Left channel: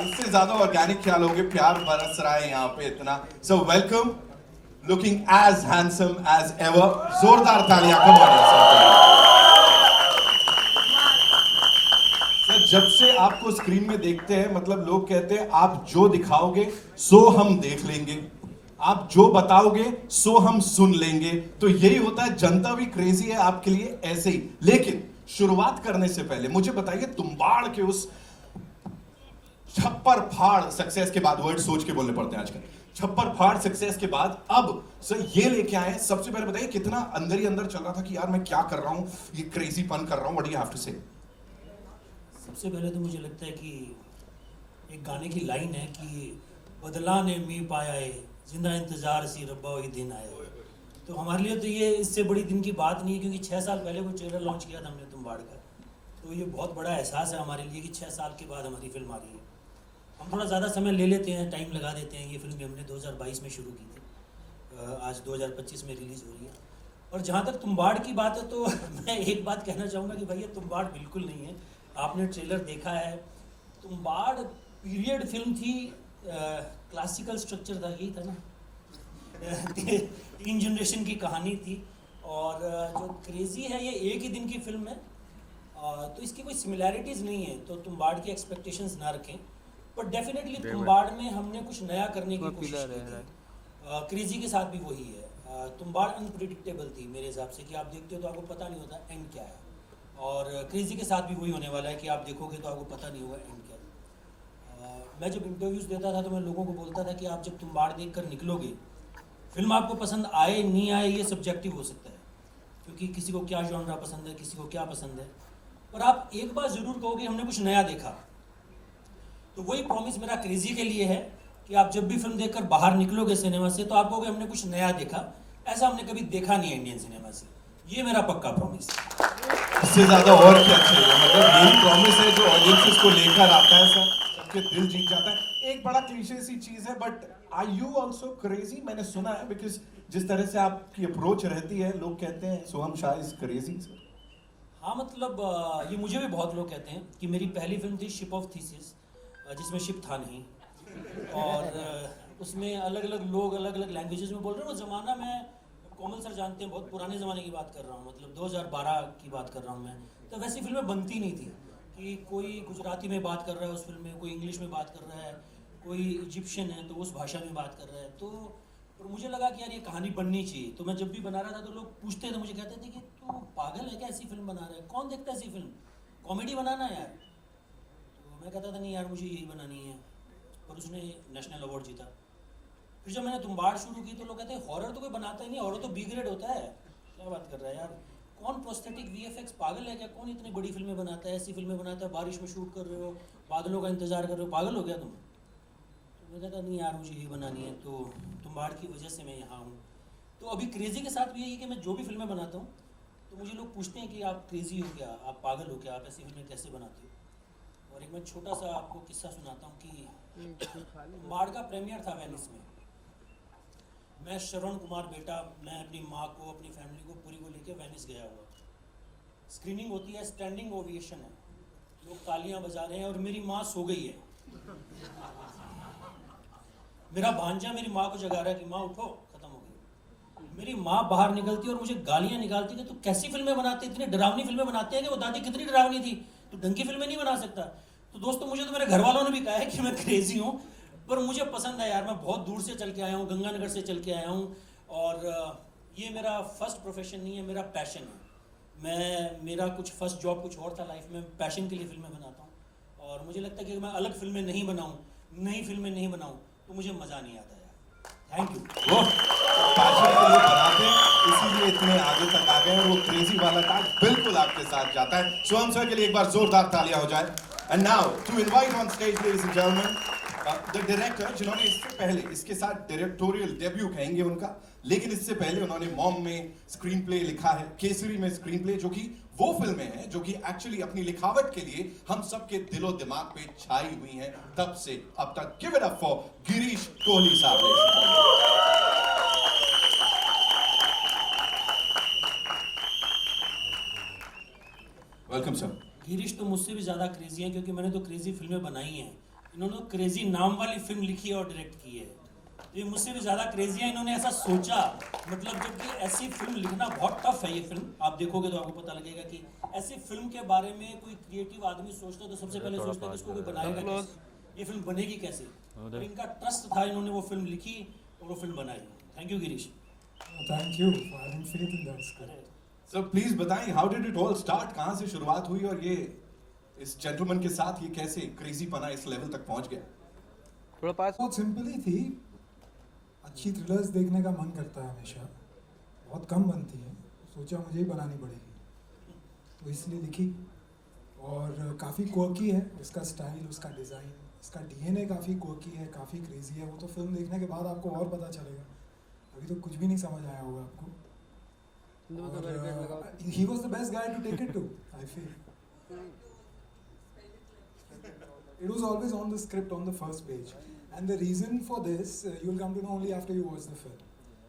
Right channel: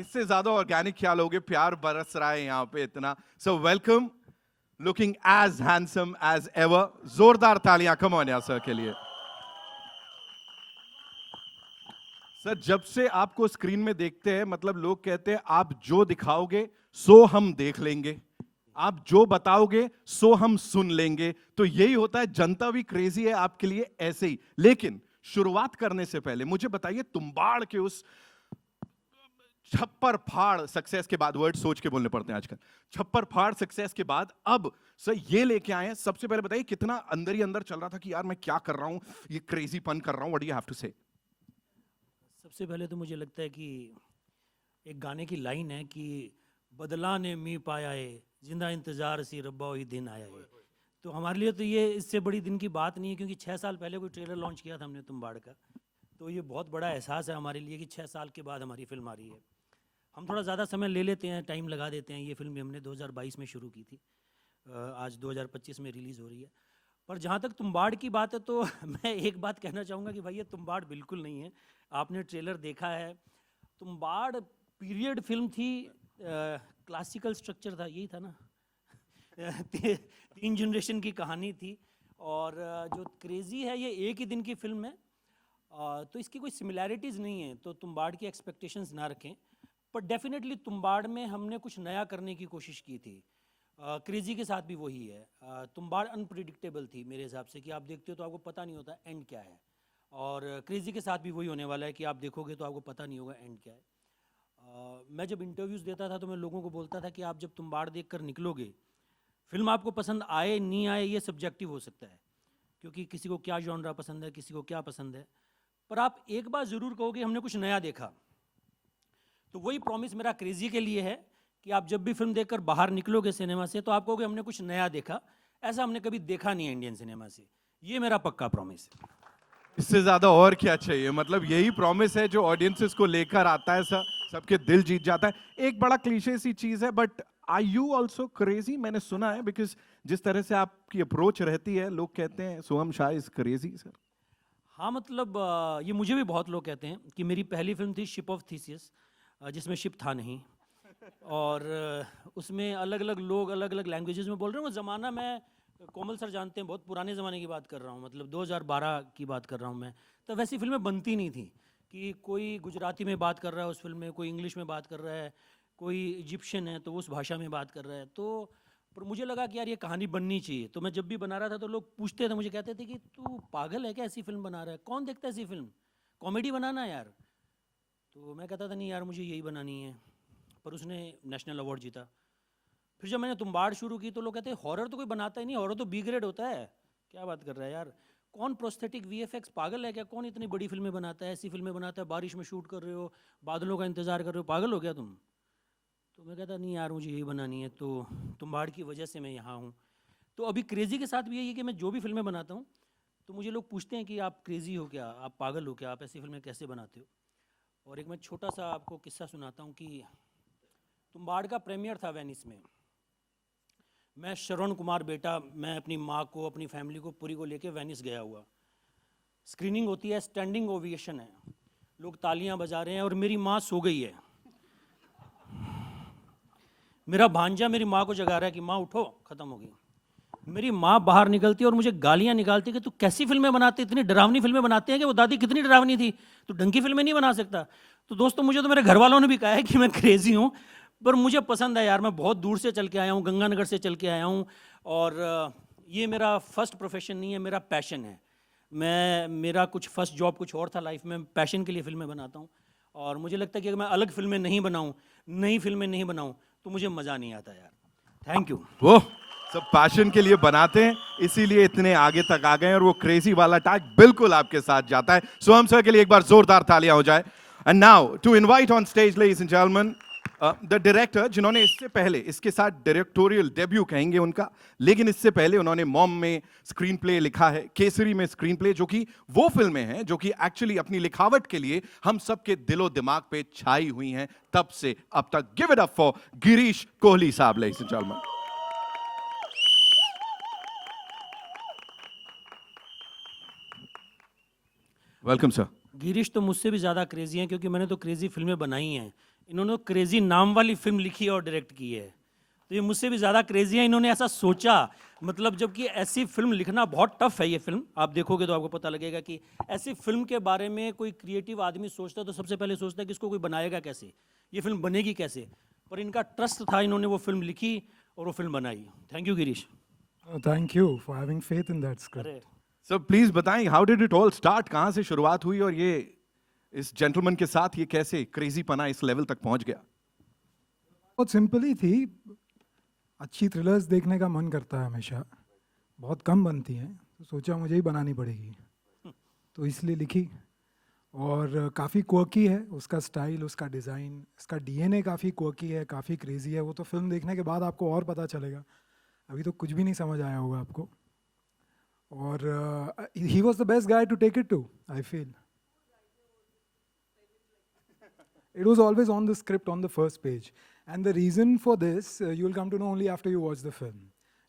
इससे ज्यादा ऑर्गेनिक क्या लोगे, प्यार बरस रहा है यहाँ पे इतना। So welcome, looking as handsome as ever, जोरदार तालियां कमाएं सर। जब से आपको स्क्रीन में देखते हैं, मतलब लोग कहते हैं आप जो दिखाओगे सो हम देख लेंगे, आप जो बताओगे सो हम सुन लेंगे। तो यही होता है, जनता भी क्रेजी है आपके लिए ऐसे ही। लेकिन शुरुआत करने से पहले मुझे बताइए, तुम्बाड़ के उस छप्पर फाड़ सक्सेस के बाद, वर्ड सोच के बोलने पड़ते हैं आजकल, छप्पर फाड़ सक्सेस के बाद अब सर ये लेके आए। सबसे पहले बताइए कितना अंदर ही अंदर चल रहा था कि यार मैं क्या कर रहा हूं, ये क्रेजी पन कर रहा हूं, बट यू हैव टू से। सबसे पहले तो मुझे लगता है कि एक गाने की लाइन है कि बदला ने भी पाया है, जिंदा इंतजार सी रब्बा वही दिन आया है। तो हमारे लिए तो ये इससे बड़ी दिन की बात नहीं है, क्योंकि 6 साल पहले वो ट्रेलर लॉन्च किया था हमने तुम्बाड़ का। तो ये बहुत बड़ा एहसास है हमारे लिए कि 6 साल के बाद हमारी फिल्म आ रही है। हम थोड़ा ज़्यादा समय ले लेते हैं, टाइम लगा देते हैं। ये फिल्म भी हमने 2022 में शुरू की थी, आज 2025 में रिलीज़ हो रही है। और जहाँ तक तुम्बाड़ की बात है तो मैं एक बात कहना चाहूँगा कि भाई ये तुम्बाड़ बिल्कुल नहीं है। आपने ट्रेलर देखा है, तुम्बाड़ पीरियड फिल्म थी, क्लासिकल स्ट्रक्चर था, यही था ना। 3 जनरेशन की कहानी थी। और जो क्रेजी है ये एक ही दिन की फिल्म है, तो इसकी कोई सिमिलैरिटीज़ नहीं है। तो तुम्बाड़ की एक्सपेक्टेशंस ना रखें, पर डेफिनेटली तुम्बाड़ में हमने कुछ नया करने की कोशिश की थी। क्रेजी के साथ भी वही है। तुम्बाड़ अनप्रिडिक्टेबल थी मेरे हिसाब से, कि आप देखते हो तो आपको पता नहीं होता एंड क्या है। और क्रेजी के साथ भी वही होने वाला है कि आप देखोगे तो आपको पता नहीं होगा एंड क्या है। मैं जब इंटरव्यूज़ देता था तो मैं लोगों को बोलता था कि आप जब तुम्बाड़ देख कर निकलोगे, फिल्म आपको पसंद आए नहीं आए ये सब्जेक्टिव हो सकता है, क्योंकि किसी को क्या जॉनरा पसंद है, किसी को क्या पसंद है। पर आप एक बार ज़रूर कहो कि हमने कुछ नया देखा। तो वही प्रॉमिस मेरा क्रेजी के लिए है कि आप जब भी फिल्म देखकर बाहर निकलोगे सिनेमा से, तो आप कहोगे हमने कुछ नया देखा, ऐसा हमने कभी देखा नहीं है इंडियन सिनेमा से। ये मेरा पक्का प्रॉमिस है। इससे ज्यादा और क्या चाहिए, मतलब यही प्रॉमिस है जो ऑडियंसेस को लेकर आता है, सब सबके दिल जीत जाता है। एक बड़ा क्लीशे सी चीज है, but are you also crazy? मैंने सुना है, बिकॉज जिस तरह से आपकी अप्रोच रहती है, लोग कहते हैं सोहम शाह इज क्रेजी। हाँ, मतलब ये मुझे भी बहुत लोग कहते हैं कि मेरी पहली फिल्म थी शिप ऑफ थीसिस, जिसमें शिप था नहीं। और उसमें अलग अलग लोग अलग अलग लैंग्वेजेस में बोल रहे हैं। वो ज़माना में कोमल सर जानते हैं, बहुत पुराने ज़माने की बात कर रहा हूँ, मतलब 2012 की बात कर रहा हूँ मैं। तो वैसी फिल्में बनती नहीं थी कि कोई गुजराती में बात कर रहा है उस फिल्म में, कोई इंग्लिश में बात कर रहा है, कोई इजिप्शियन है तो उस भाषा में बात कर रहा है। तो पर मुझे लगा कि यार ये कहानी बननी चाहिए। तो मैं जब भी बना रहा था तो लोग पूछते थे, मुझे कहते थे कि तू पागल है क्या, ऐसी फिल्म बना रहा है, कौन देखता है ऐसी फिल्म, कॉमेडी बनाना यार। तो मैं कहता था नहीं यार, मुझे यही बनानी है। और उसने नेशनल अवार्ड जीता। फिर जब मैंने तुम्बाड़ शुरू की तो लोग कहते हैं हॉरर तो कोई बनाता ही नहीं, हॉरर तो बी ग्रेड होता है। क्या बात कर रहा है यार, कौन प्रोस्थेटिक वीएफएक्स, पागल है क्या, कौन इतनी बड़ी फिल्में बनाता है, ऐसी फिल्में बनाता है, बारिश में शूट कर रहे हो, बादलों का इंतजार कर रहे हो, पागल हो क्या तुम। तो मैं कहता नहीं यार, मुझे यही बनानी है। तो तुम्बाड़ की वजह से मैं यहाँ हूँ। तो अभी क्रेजी के साथ भी यही है कि मैं जो भी फिल्में बनाता हूँ तो मुझे लोग पूछते हैं कि आप क्रेजी हो क्या, आप पागल हो क्या, आप ऐसी फिल्में कैसे बनाते हो। और एक मैं छोटा सा आपको किस्सा सुनाता हूँ कि तुम्बाड़ का प्रीमियर था वेनिस में। मैं श्रवण कुमार बेटा, मैं अपनी माँ को, अपनी फैमिली को पूरी को लेके वेनिस गया हुआ। स्क्रीनिंग होती है, स्टैंडिंग ओवेशन है, लोग तालियां बजा रहे हैं और मेरी माँ सो गई है। मेरा भांजा मेरी माँ को जगा रहा है कि माँ उठो, खत्म हो गई। मेरी माँ बाहर निकलती है और मुझे गालियाँ निकालती है कि तू कैसी फिल्में बनाती, इतनी डरावनी फिल्में बनाते हैं कि वो दादी कितनी डरावनी थी, तू ढंग की फिल्में नहीं बना सकता। तो दोस्तों, मुझे तो मेरे घर वालों ने भी कहा है कि मैं क्रेजी हूँ, पर मुझे पसंद है यार। मैं बहुत दूर से चल के आया हूँ, गंगानगर से चल के आया हूँ। और ये मेरा फर्स्ट प्रोफेशन नहीं है, मेरा पैशन है। मेरा कुछ फर्स्ट जॉब कुछ और था लाइफ में, पैशन के लिए फिल्में बनाता हूँ। और मुझे लगता है कि अगर मैं अलग फिल्में नहीं बनाऊँ, नई फिल्में नहीं बनाऊँ, तो मुझे मज़ा नहीं आता यार। Thank you. वो तो पैशन के लिए बनाते हैं, इसीलिए इतने आगे तक आ गए, और वो क्रेजी वाला टैग बिल्कुल आपके साथ जाता है। सोहम सर के लिए एक बार जोरदार तालियां हो जाए। And now to invite on stage ladies and gentleman the director, जिन्होंने इससे पहले, इसके साथ डायरेक्टोरियल डेब्यू कहेंगे उनका, लेकिन इससे पहले उन्होंने मॉम में स्क्रीन प्ले लिखा है, केसरी में स्क्रीन प्ले, जो कि वो फिल्में हैं जो कि एक्चुअली अपनी लिखावट के लिए हम सबके दिलो दिमाग पे छाई हुई हैं तब से अब तक। Give it up for Girish Kohli साहब ladies and gentleman. Welcome sir. Girish तो मुझसे भी ज़्यादा क्रेजी हैं, क्योंकि मैंने तो क्रेजी फिल्में बनाई हैं। इन्होंने क्रेजी नाम वाली फिल्म लिखी और डायरेक्ट की है, तो ये मुझसे भी ज़्यादा क्रेजी है। इन्होंने ऐसा सोचा, मतलब जबकि ऐसी फिल्म लिखना बहुत टफ है। ये फिल्म आप देखोगे तो आपको पता लगेगा कि ऐसी फिल्म के बारे में कोई क्रिएटिव आदमी सोचता है तो सबसे पहले सोचता है कि इसको कोई बनाएगा कैसे, ये फिल्म बनेगी कैसे। और इनका ट्रस्ट था, इन्होंने वो फिल्म लिखी और वो फिल्म बनाई। Thank you Girish. Thank you for having faith in that script. अरे So please बताएं, how did it all start? कहाँ से शुरुआत हुई और ये इस जेंटलमैन के साथ ये कैसे क्रेजी पना इस लेवल तक पहुंच गया? बहुत सिंपल ही थी। अच्छी थ्रिलर्स देखने का मन करता है हमेशा, बहुत कम बनती हैं, तो सोचा मुझे ही बनानी पड़ेगी, तो इसलिए लिखी। और काफ़ी क्वर्की है उसका स्टाइल, उसका डिज़ाइन, उसका डीएनए काफ़ी क्वर्की है, काफ़ी क्रेजी है। वो तो फिल्म देखने के बाद आपको और पता चलेगा, अभी तो कुछ भी नहीं समझ आया होगा आपको। और he was the best guy to take it to, I feel. It was always on the script on the first page. And the reason for this, you will come to know only after you watch the film.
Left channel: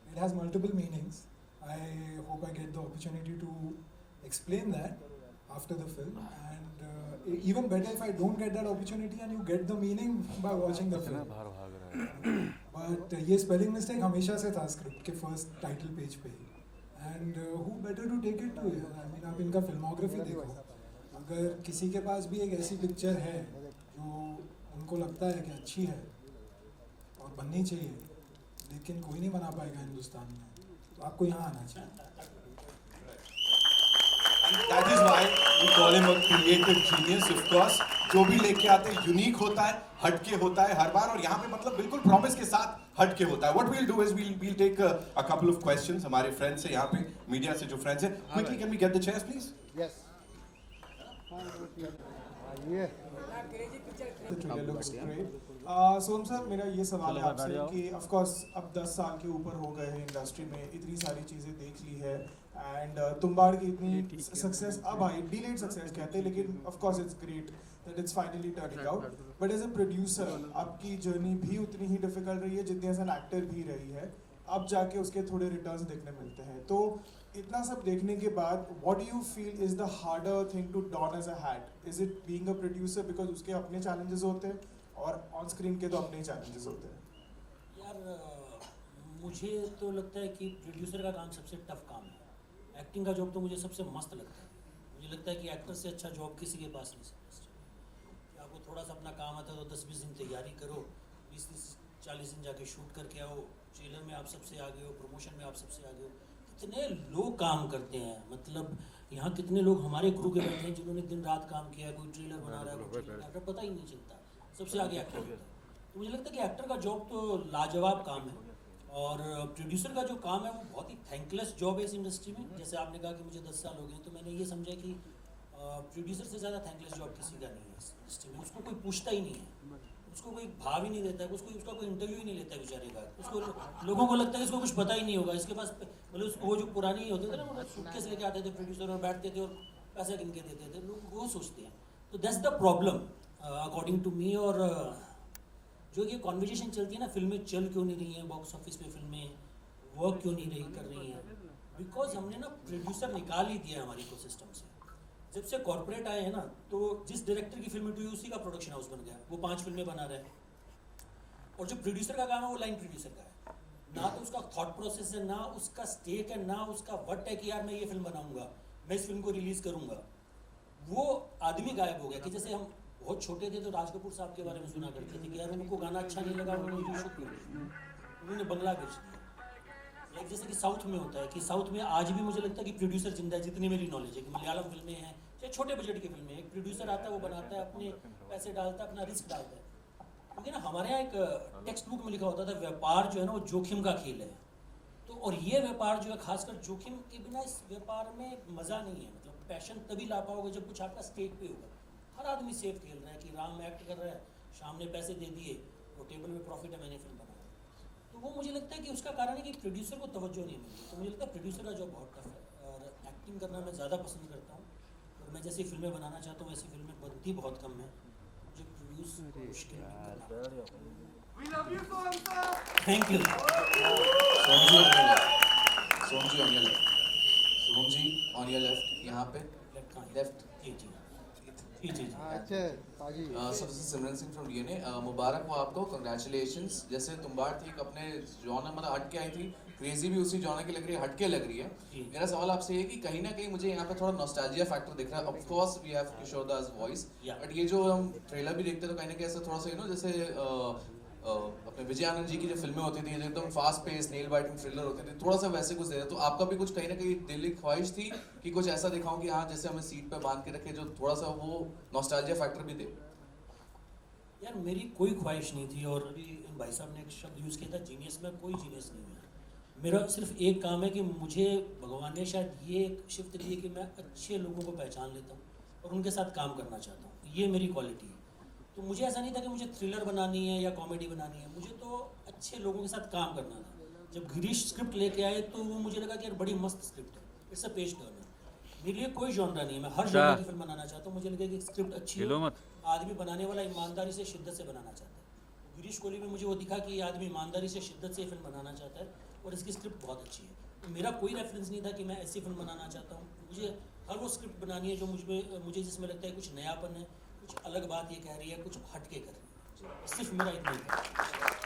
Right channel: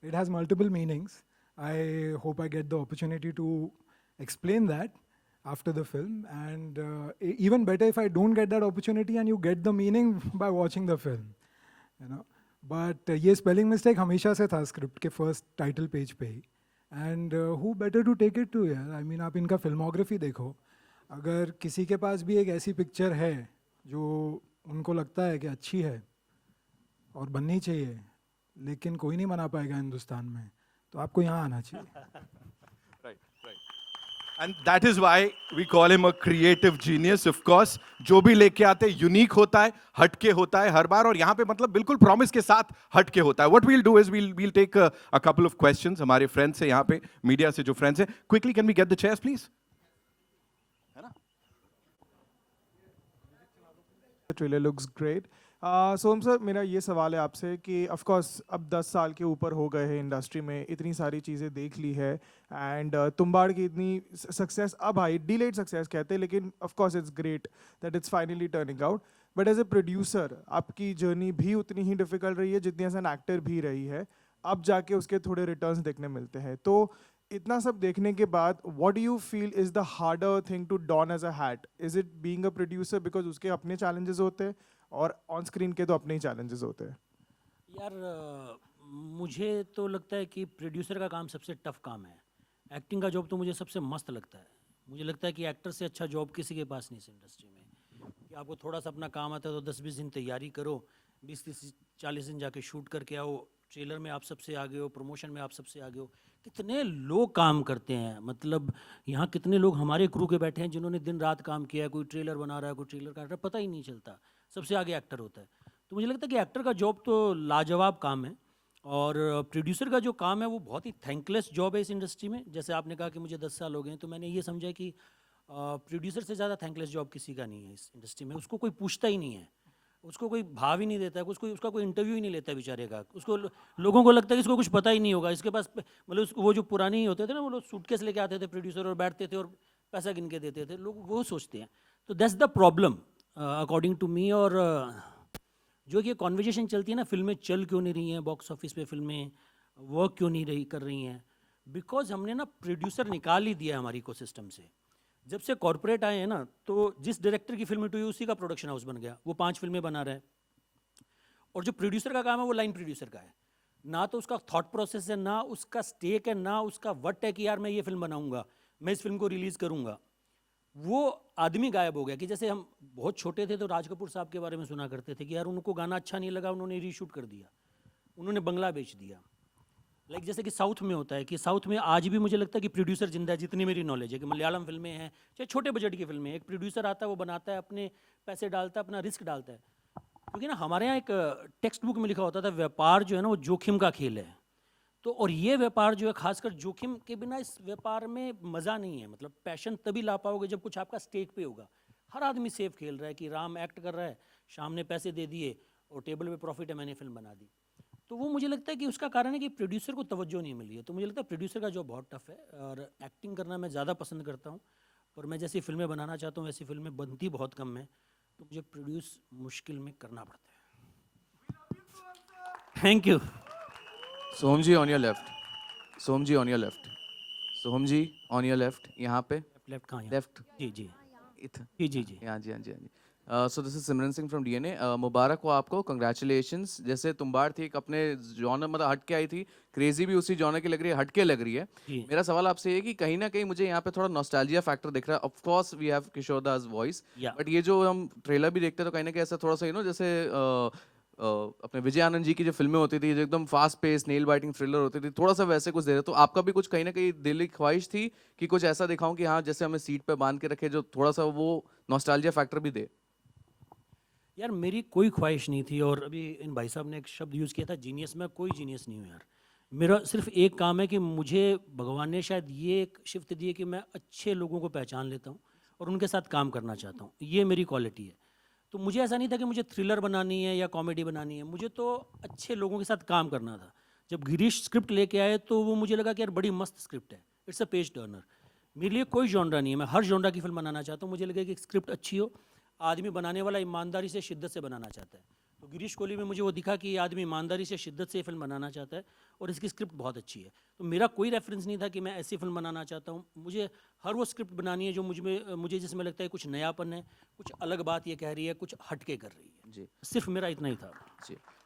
It has multiple meanings. I hope I get the opportunity to explain that after the film. And even better if I don't get that opportunity and you get the meaning by watching the film. But ये spelling mistake हमेशा से था script के first title page पे ही. And who better to take it to? यार, I mean आप इनका filmography देखो. अगर किसी के पास भी एक ऐसी पिक्चर है जो उनको लगता है कि अच्छी है और बननी चाहिए, लेकिन कोई नहीं बना पाएगा हिंदुस्तान में, तो आपको यहाँ आना चाहिए। And that is why we call him a creative genius. Of course, जो भी लेके आते हैं यूनिक होता है, हटके होता है हर बार, और यहाँ पे मतलब बिल्कुल प्रॉमिस के साथ हटके होता है। What we'll do is we'll take a couple of questions हमारे फ्रेंड्स से, यहाँ पे मीडिया से जो फ्रेंड्स हैं। Quickly, can we get the chairs, please? The trailer looks great. Som sir, मेरा ये सवाल है आपसे कि ऑफ कोर्स अब 10 साल के ऊपर हो गए हैं इंडस्ट्री में, इतनी सारी चीज़ें देख ली है, एंड तुम्बाड़ की इतनी सक्सेस अब आई, डिलेड सक्सेस कहते हैं, लेकिन of course it's great that it's finally turning out. But as a producer आपकी जर्नी भी उतनी ही डिफिकल्ट रही है जितनी एज एन एक्टर भी रही है। अब जाके उसके थोड़े रिटर्न्स देखने मिलते हैं, तो इतना सब देखने के बाद what do you feel is the harder thing to don as a hat? Is it being a producer because उसके अपने चैलेंजेस होते हैं और ऑन स्क्रीन के तो अपने ही चैलेंजेस होते हैं? यार मुझे तो लगता है कि प्रोड्यूसर का काम सबसे टफ काम है। एक्टिंग का जॉब तो मुझे सबसे मस्त लगता है। मुझे लगता है कि एक्टर से अच्छा जॉब किसी के पास नहीं है इंडस्ट्री में। कि आपको थोड़ा सा अपना काम आता है तो 10-20 दिन तैयारी करो, 20-40 दिन जाके शूट करके आओ, ट्रेलर में आप सबसे आगे हो, प्रमोशन में आप सबसे आगे हो। कितने लोग काम करते हैं, मतलब यहाँ कितने लोग हमारे क्रू के बैठे हैं जिन्होंने दिन रात काम किया है, कोई ट्रेलर बना रहा है, कोई ट्रेलर कर रहा है, पता ही नहीं चलता, सबसे आगे एक्टर होता है। तो मुझे लगता है कि एक्टर का जॉब तो लाजवाब काम है, और प्रोड्यूसर का जो काम है वो बहुत ही थैंकलेस जॉब है इस इंडस्ट्री में। जैसे आपने कहा कि मुझे 10 साल हो गए, तो मैंने ये समझा कि प्रोड्यूसर से ज़्यादा थैंकलेस जॉब किसी का नहीं है इस इंडस्ट्री में। उसको कोई पूछता ही नहीं है, उसको कोई भाव ही नहीं देता है, उसका कोई इंटरव्यू ही नहीं लेता है बेचारे का। उसको लोगों को लगता है कि इसको कुछ पता ही नहीं होगा, इसके पास मतलब वो जो पुरानी होते थे ना, वो लोग सूटकेस लेके आते थे प्रोड्यूसर और बैठते थे और पैसा गिन के देते थे, लोग वो सोचते हैं। तो that's the problem according to me. और जो ये कॉन्वर्जेशन चलती है ना, फिल्में चल क्यों नहीं रही हैं बॉक्स ऑफिस पे, फिल्में वर्क क्यों नहीं रही कर रही हैं, बिकॉज हमने ना प्रोड्यूसर निकाल ही दिया है हमारी इकोसिस्टम से। जब से कॉर्पोरेट आए हैं ना, तो जिस डायरेक्टर की फिल्म हुई उसी का प्रोडक्शन हाउस बन गया, वो 5 फिल्में बना रहा है। और जो प्रोड्यूसर का काम है वो लाइन प्रोड्यूसर का है, ना तो उसका थॉट प्रोसेस है, ना उसका स्टेक है, ना उसका वट है कि यार मैं ये फिल्म बनाऊंगा, मैं इस फिल्म को रिलीज़ करूंगा। वो आदमी गायब हो गया। कि जैसे हम बहुत छोटे थे तो राज कपूर साहब के बारे में सुना करते थे कि यार उनको गाना अच्छा नहीं लगा, उन्होंने रीशूट कर दिया, उन्होंने बंगला बेच दिया। लाइक जैसे कि साउथ में होता है कि साउथ में आज भी मुझे लगता है कि प्रोड्यूसर जिंदा है, जितनी मेरी नॉलेज है कि मलयालम फिल्में हैं चाहे छोटे बजट की फिल्में, एक प्रोड्यूसर आता है, वो बनाता है, अपने पैसे डालता है, अपना रिस्क डालता है। क्योंकि ना हमारे यहाँ एक टेक्स्ट बुक में लिखा होता था व्यापार जो है ना वो जोखिम का खेल है। तो और ये व्यापार जो है खासकर जोखिम के बिना इस व्यापार में मज़ा नहीं है। मतलब पैशन तभी ला पाओगे जब कुछ आपका स्टेक पे होगा। हर आदमी सेफ खेल रहा है कि राम एक्ट कर रहा है, शाम ने पैसे दे दिए और टेबल में प्रॉफिट है, मैंने फिल्म बना दी। तो वो मुझे लगता है कि उसका कारण है कि प्रोड्यूसर को तवज्जो नहीं मिल रही है। तो मुझे लगता है प्रोड्यूसर का जॉब बहुत टफ है, और एक्टिंग करना मैं ज़्यादा पसंद करता हूँ, और मैं जैसी फिल्में बनाना चाहता हूँ ऐसी फिल्में बनती बहुत कम है, तो मुझे प्रोड्यूस मुश्किल में करना पड़ता है। Thank you. Soham ji on your left, Soham ji on your left, Soham ji on your left, यहाँ पे लेफ्ट कहाँ है? लेफ्ट जी जी इधर, जी जी जी। यहाँ जी, यहाँ जी। So this is Simran Singh from DNA. मुबारक हो आपको, congratulations. जैसे तुम्बाड़ थी एक अपने जॉनर मतलब हट के आई थी, क्रेजी भी उसी जॉनर की लग रही है, हट के लग रही है. जी. मेरा सवाल आपसे ये है कि कहीं ना कहीं मुझे यहाँ पे थोड़ा नॉस्टैल्जिया फैक्टर दिख रहा है. Of course we have Kishore Das voice, Yeah. But ये जो हम ट्रेलर भी देखते हैं तो कहीं ना कहीं ऐसा थोड़ा सा जैसे अपने विजय आनंद जी की जो फिल्में होती थी जो एकदम fast pace nail biting thriller होती थी, थोड़ा सा वैसे कुछ दे रहे. तो आपका भी कुछ कहीं ना कहीं दिल की ख्वाहिश थी कि कुछ ऐसा दिखाऊं कि हाँ जैसे हमें सीट पे बांध के रखे, जो थोड़ा सा वो नॉस्टैल्जिया फैक्टर भी दे. यार मेरी कोई ख्वाहिश नहीं थी, और अभी इन भाई साहब ने एक शब्द यूज़ किया था जीनियस. में कोई जीनियस नहीं हूँ यार. मेरा सिर्फ एक काम है कि मुझे भगवान ने शायद ये एक शिफ्ट दी है कि मैं अच्छे लोगों को पहचान लेता हूँ और उनके साथ काम करना चाहता हूँ. ये मेरी क्वालिटी है. तो मुझे ऐसा नहीं था कि मुझे थ्रिलर बनानी है या कॉमेडी बनानी है, मुझे तो अच्छे लोगों के साथ काम करना था. जब गिरीश स्क्रिप्ट लेके आए तो वो मुझे लगा कि यार बड़ी मस्त स्क्रिप्ट है, इट्स अ पेज टर्नर. मेरे लिए कोई जॉनरा नहीं है, मैं हर जॉनरा की फिल्म बनाना चाहता हूँ. मुझे लगे कि स्क्रिप्ट अच्छी हो, आदमी बनाने वाला ईमानदारी से शिद्दत से बनाना चाहता है. तो गिरीश कोहली में मुझे वो दिखा कि ये आदमी ईमानदारी से शिद्दत से ये फिल्म बनाना चाहता है और इसकी स्क्रिप्ट बहुत अच्छी है. तो मेरा कोई रेफरेंस नहीं था कि मैं ऐसी फिल्म बनाना चाहता हूँ. मुझे हर वो स्क्रिप्ट बनानी है जो मुझे जिसमें लगता है कुछ नयापन है, कुछ अलग बात ये कह रही है, कुछ हटके कर रही है. सिर्फ मेरा इतना ही था.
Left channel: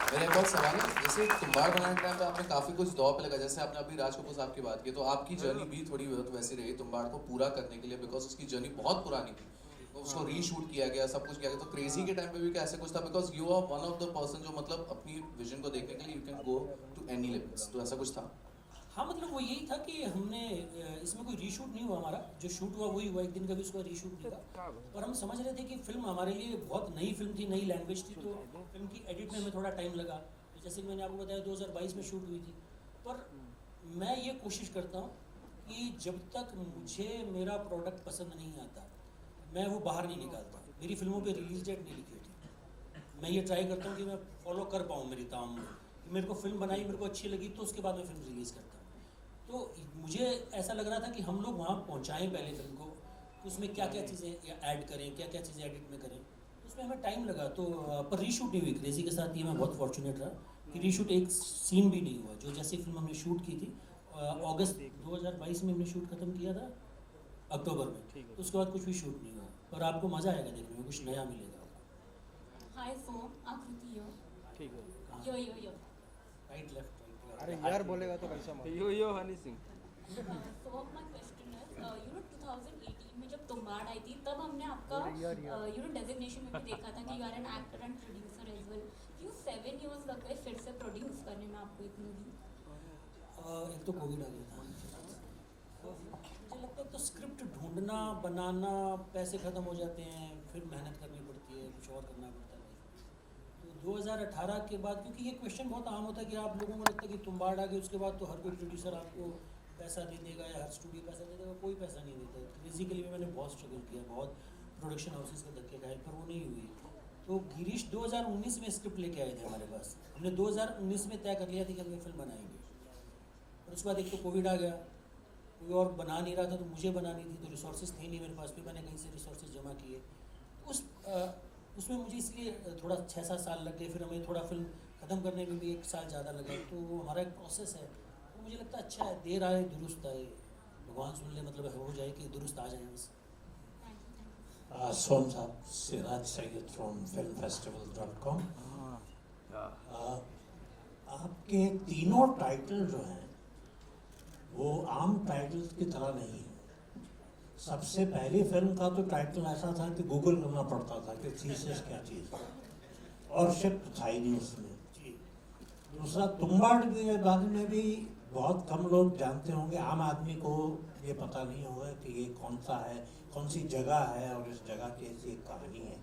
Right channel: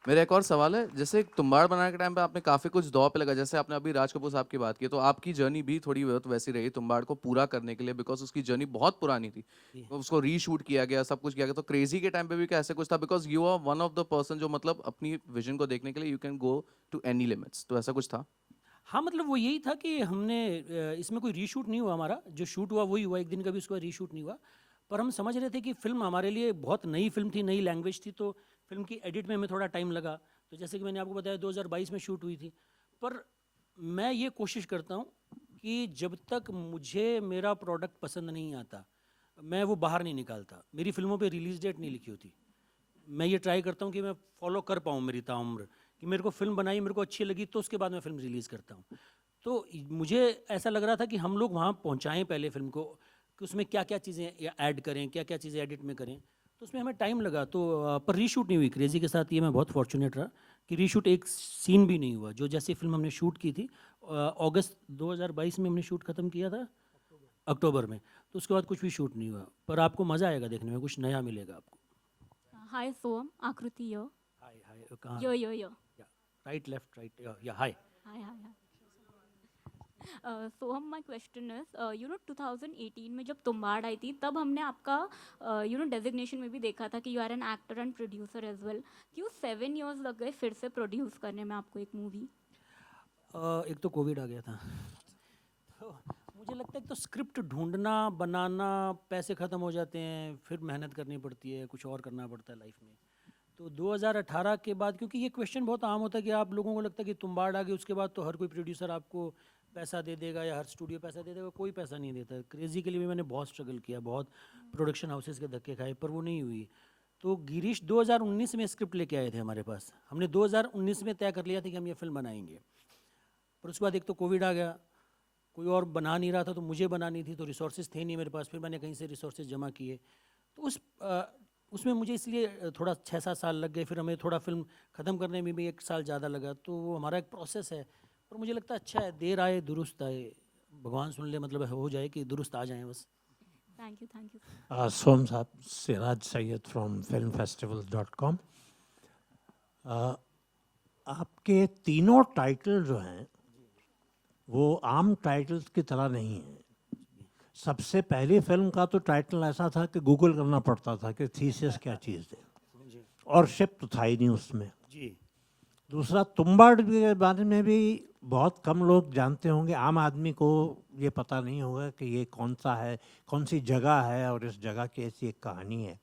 मेरा एक और सवाल है, जैसे तुम्बाड़ बनाने के टाइम पे आपने काफ़ी कुछ दौर पे लगा, जैसे आपने अभी राज कपूर साहब की बात की, तो आपकी जर्नी भी थोड़ी बहुत वैसी रही तुम्बाड़ को पूरा करने के लिए, बिकॉज उसकी जर्नी बहुत पुरानी थी. तो उसको रीशूट किया गया, सब कुछ किया गया. तो क्रेजी के टाइम पे भी क्या ऐसे कुछ था, because you are one of the person जो मतलब अपनी विजन को देखने के लिए you can go to any limits, तो ऐसा कुछ था? हाँ मतलब वो यही था कि हमने इसमें कोई रीशूट नहीं हुआ. हमारा जो शूट हुआ वही हुआ, एक दिन का भी उसका रीशूट नहीं हुआ. पर हम समझ रहे थे कि फिल्म हमारे लिए बहुत नई फिल्म थी, नई लैंग्वेज थी, तो फिल्म की एडिट में हमें थोड़ा टाइम लगा. तो जैसे कि मैंने आपको बताया 2022 में शूट हुई थी. पर मैं ये कोशिश करता हूँ कि जब तक मुझे मेरा प्रोडक्ट पसंद नहीं आता मैं वो बाहर नहीं निकालता. मेरी फिल्मों पे रिलीज़ डेट नहीं लिखी होती. मैं ये ट्राई करता हूँ कि मैं फॉलो कर पाऊँ मेरी ताउम्र, कि मेरे को फिल्म बनाई, मेरे को अच्छी लगी तो उसके बाद मैं फिल्म रिलीज़ करता हूँ. तो मुझे ऐसा लग रहा था कि हम लोग वहाँ पहुँचाएँ पहले फिल्म को, कि उसमें क्या क्या चीज़ें ऐड करें, क्या क्या चीज़ें एडिट में करें. तो उसमें हमें टाइम लगा. तो पर रीशूट नहीं हुई क्रेज़ी के साथ. ये मैं बहुत फॉर्चुनेट रहा कि रीशूट एक सीन भी नहीं हुआ. जो जैसी फिल्म हमने शूट की थी अगस्त 2022 में हमने शूट ख़त्म किया था अक्टूबर में, तो उसके बाद कुछ भी शूट नहीं हुआ. पर आपको मज़ा आएगा देखने में, कुछ नया मिलेगा आपको. हाय सोम, आकृति यो. कहाँ? Yo yo yo. Right left right. Hi. Som, my question is 2018 में जब तुम्बाड़ आई थी तब हमने आपका डेजिग्नेशन में भी देखा था कि you are an actor and producer as well. क्यों 7 इयर्स लग गए फिर से प्रोड्यूस करने में आपको एक मूवी? एक तो कोविड आ गया था. मुझे लगता है तो स्क्रिप्ट ढूंढना, बनाना, पैसे ख़त्म हो जाते हैं, फिर मेहनत करनी पड़ती है, कुछ और करना पड़ता है लाइफ में. तो 2018 के बाद, क्योंकि ये क्वेश्चन बहुत आम होता है कि आप लोगों को लगता है कि तुम्बाड़ आ गई उसके बाद तो हर कोई प्रोड्यूसर आपको पैसा दे देगा या हर स्टूडियो पैसा दे देगा. कोई पैसा नहीं देता. क्रेज़ी के लिए भी मैंने बहुत स्ट्रगल किया, बहुत प्रोडक्शन हाउसेस के धक्के खाए, पर वो नहीं हुई. तो गिरीश 2019 में स्क्रिप्ट लेके आए थे हमारे पास. हमने 2019 में तय कर लिया था कि हम ये फिल्म बनाएंगे. और उसके बाद एक तो कोविड आ गया, कोई और बना नहीं रहा था, तो मुझे बनानी थी, तो रिसोर्सेज थे नहीं मेरे पास. फिर मैंने कहीं से रिसोर्सेज जमा किए. तो उसमें मुझे इसलिए थोड़ा 6-7 साल लग गए. फिर हमें थोड़ा फिल्म ख़त्म करने में भी 1 साल ज़्यादा लगा. तो वो हमारा एक प्रोसेस है. और मुझे लगता है अच्छा है, देर आए दुरुस्त आए. भगवान सुन ले, मतलब हो जाए कि दुरुस्त आ जाए बस. Thank you. सोम साहब, सिराज सैयद फ्रॉम filmfestivals.com. आपके तीनों टाइटल जो हैं वो आम टाइटल्स की तरह नहीं है. सबसे पहली फिल्म का तो टाइटल ऐसा था कि गूगल करना पड़ता था कि थीसिस क्या चीज़, और शिप तो था ही नहीं उसमें. जी. दूसरा, तुम्बाड़ के बारे में भी बहुत कम लोग जानते होंगे. आम आदमी को ये पता नहीं होगा कि ये कौन सा है, कौन सी जगह है और इस जगह की ऐसी एक कहानी है.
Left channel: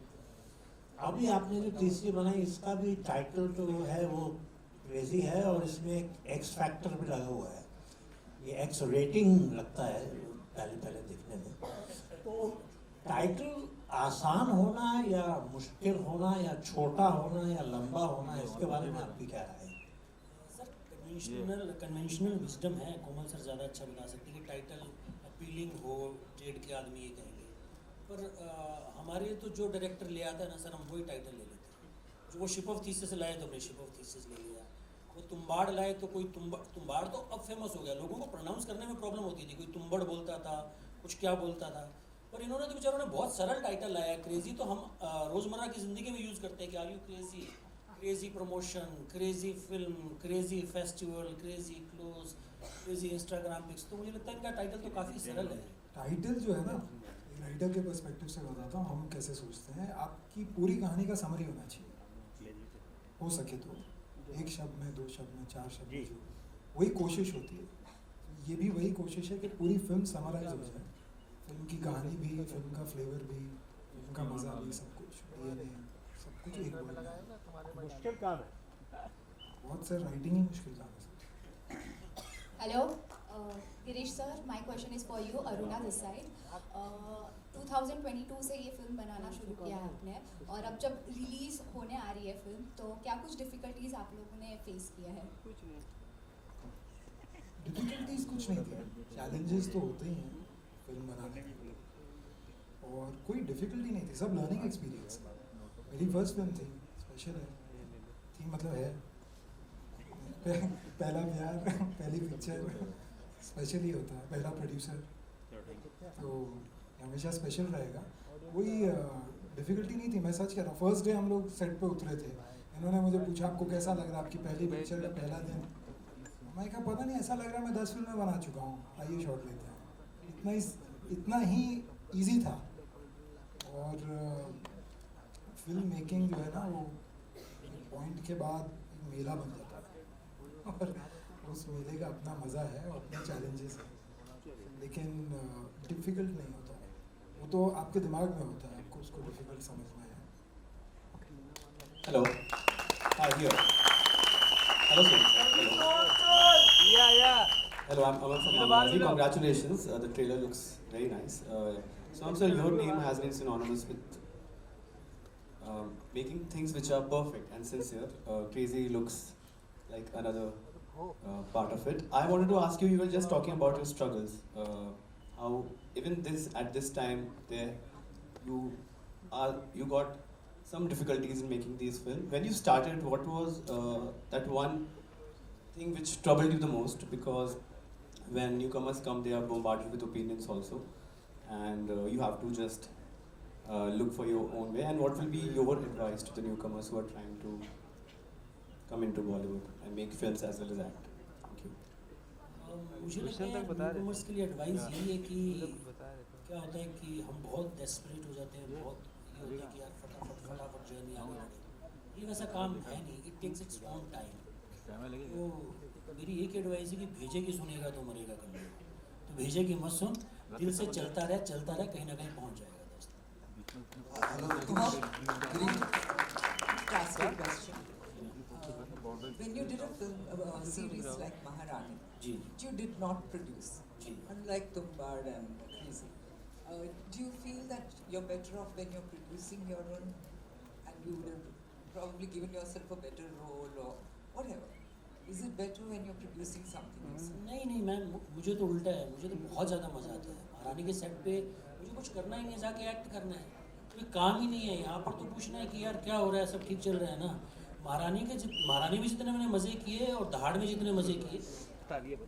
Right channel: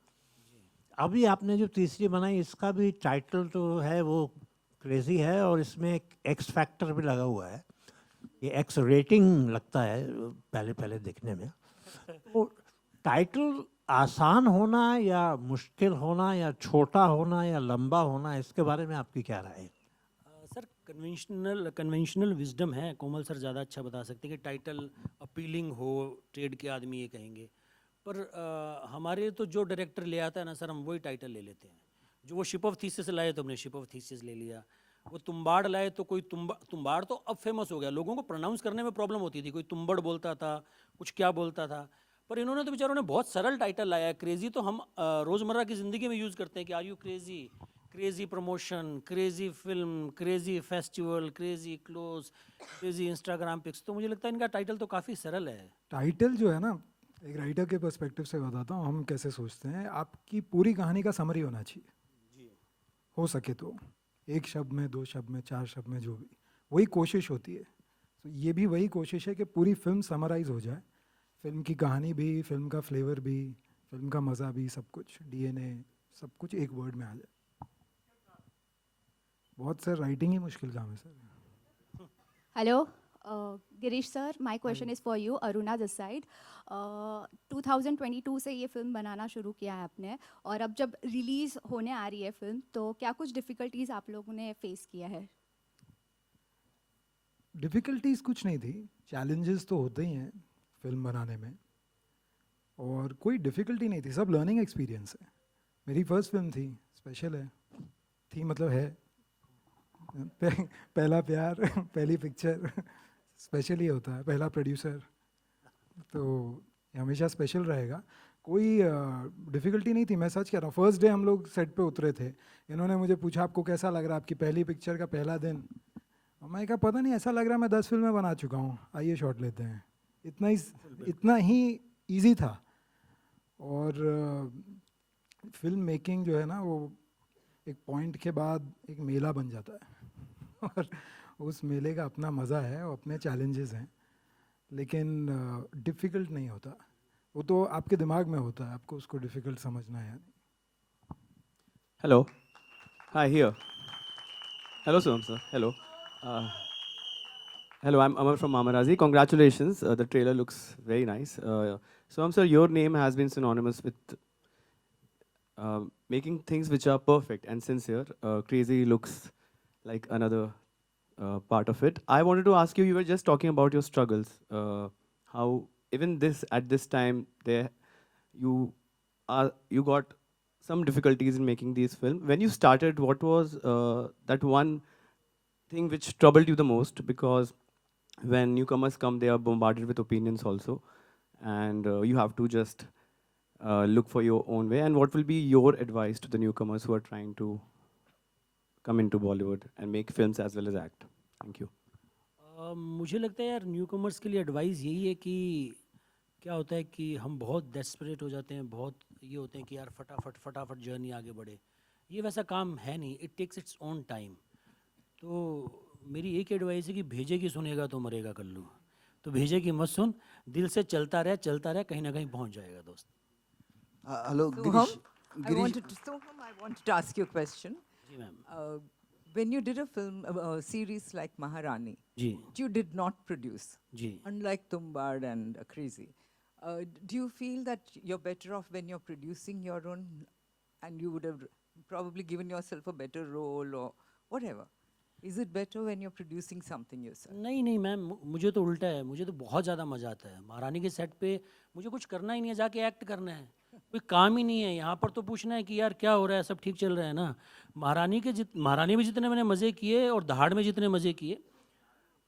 अभी आपने जो तीसरी बनाई इसका भी टाइटल जो है वो क्रेज़ी है और इसमें एक एक्स फैक्टर भी लगा हुआ है. ये एक्स रेटिंग लगता है पहले देखने में. तो टाइटल आसान होना या मुश्किल होना या छोटा होना या लंबा होना, इसके बारे में आपकी क्या राय है? सर कन्वेंशनल विजडम है. कोमल सर ज़्यादा अच्छा बता सकते हैं कि टाइटल अपीलिंग हो, ट्रेड के आदमी ये कहेंगे. पर हमारे तो जो डायरेक्टर ले आता है ना सर, हम वही टाइटल ले लेते हैं. जो वो शिप ऑफ थीसिस लाए तो हमने शिप ऑफ थीसिस ले लिया. वो तुम्बाड़ लाए तो कोई तुम्बाड़ तो अब फेमस हो गया. लोगों को प्रोनाउंस करने में प्रॉब्लम होती थी, कोई तुम्बड़ बोलता था, कुछ क्या बोलता था. पर इन्होंने तो बेचारों ने बहुत सरल टाइटल लाया है। क्रेजी तो हम रोज़मर्रा की ज़िंदगी में यूज़ करते हैं कि are you crazy, crazy promotion, crazy film, crazy festival, crazy close, crazy Instagram pics. तो मुझे लगता है इनका टाइटल तो काफ़ी सरल है। टाइटल जो है ना, एक राइटर के पर्सपेक्टिव से बताता हूँ हम कैसे सोचते हैं। आपकी पूरी कहानी का समरी होना चाहिए, हो सके तो 1 शब्द में, 2 शब्द में, 4 शब्द में, जो भी, वही कोशिश होती है। तो ये भी वही कोशिश है कि पूरी फिल्म समराइज हो जाए, फिल्म की कहानी भी, फिल्म का फ्लेवर भी, फिल्म का मज़ा भी, सब कुछ, डीएनए, सब कुछ एक वर्ड में आ जाए। मुश्किल काम है। बहुत सर, राइटिंग ही मुश्किल काम है sir. Hello, Girish sir, my question is for you, Aruna this side. 2022 से ये फिल्म बनाना शुरू किया है आपने, और अब जब रिलीज़ होने आ रही है फिल्म, तो क्या कुछ डिफ़िकल्टीज़ आप लोगों ने फेस किया है? डिफ़िकल्टीज़ कुछ नहीं थी, चैलेंजेस तो होते ही हैं फिल्म बनाने में, और कोई डिफ़िकल्टी नहीं थी, सब लर्निंग एक्सपीरियंस है। मेरी फर्स्ट फिल्म थी, स्पेशल है, थी मतलब है, पहला प्यार, पहली पिक्चर, स्पेशल ही होता है, पहला प्रोड्यूसर, तो हमेशा स्पेशल रहेगा। कोई डिफ़िकल्टी नहीं थी, मैं सच कह रहा हूँ। फर्स्ट डे हम लोग सेट पे उतरे थे, इन्होंने मुझे पूछा आपको कैसा लग रहा है, आपकी पहली पिक्चर का पहला दिन। मैं कहा पता नहीं, ऐसा लग रहा है मैं 10 फिल्में बना चुका हूँ, आइए शॉट लेते हैं। इतना ही ईजी था। और फिल्म मेकिंग जो है ना, वो एक पॉइंट के बाद एक मेला बन जाता है और उस मेले का अपना मज़ा है और अपने चैलेंजेस हैं, लेकिन डिफ़िकल्ट नहीं होता, वो तो आपके दिमाग में होता है, आपको उसको डिफ़िकल्ट समझना है। Hello. Hi, here. Hello, sir. Hello. Hello, I'm Amar from Mamarazi. Congratulations. The trailer looks very nice. So, sir, your name has been synonymous with making things which are perfect and sincere. Crazy looks like another part of it. I wanted to ask you, you were just talking about your struggles. How even at this time, you got some difficulties in making these films. When you started, what was that one thing which troubled you the most? Because when newcomers come, they are bombarded with opinions also, and you have to just look for your own way. And what will be your advice to the newcomers who are trying to come into Bollywood and make films as well as act? Thank you. मुझे लगता है यार, newcomers के लिए advice यही है कि क्या होता है कि हम बहुत डेस्परेट हो जाते हैं, बहुत ये होते हैं कि यार फटाफट जर्नी आगे बढ़े। ये वैसा काम है नहीं, it takes its own time. तो मेरी एक एडवाइस है कि भेजेगी सुनेगा तो मरेगा कर लो, तो भेजेगी मत सुन, दिल से चलता रहे, कहीं ना कहीं पहुंच जाएगा दोस्त। Hello, Girish. To ask you a question. When you did a film, a series like Maharani, you did not produce, unlike Tumbad and Crazy. Do you feel that you're better off when you're producing your own, and you would have probably given yourself a better role or whatever? Is it better when you're producing something yourself? नहीं ma'am, मुझे तो उल्टा है, मुझे तो बहुत ज़्यादा मज़ा आता है। महारानी के सेट पे मुझे कुछ करना ही नहीं है, जाके एक्ट करना है, कोई काम ही नहीं है। यहाँ पर तो पूछना है कि यार क्या हो रहा है, सब ठीक चल रहा है ना। महारानी में जितने मैंने मज़े किए और दहाड़ में जितने मज़े किए,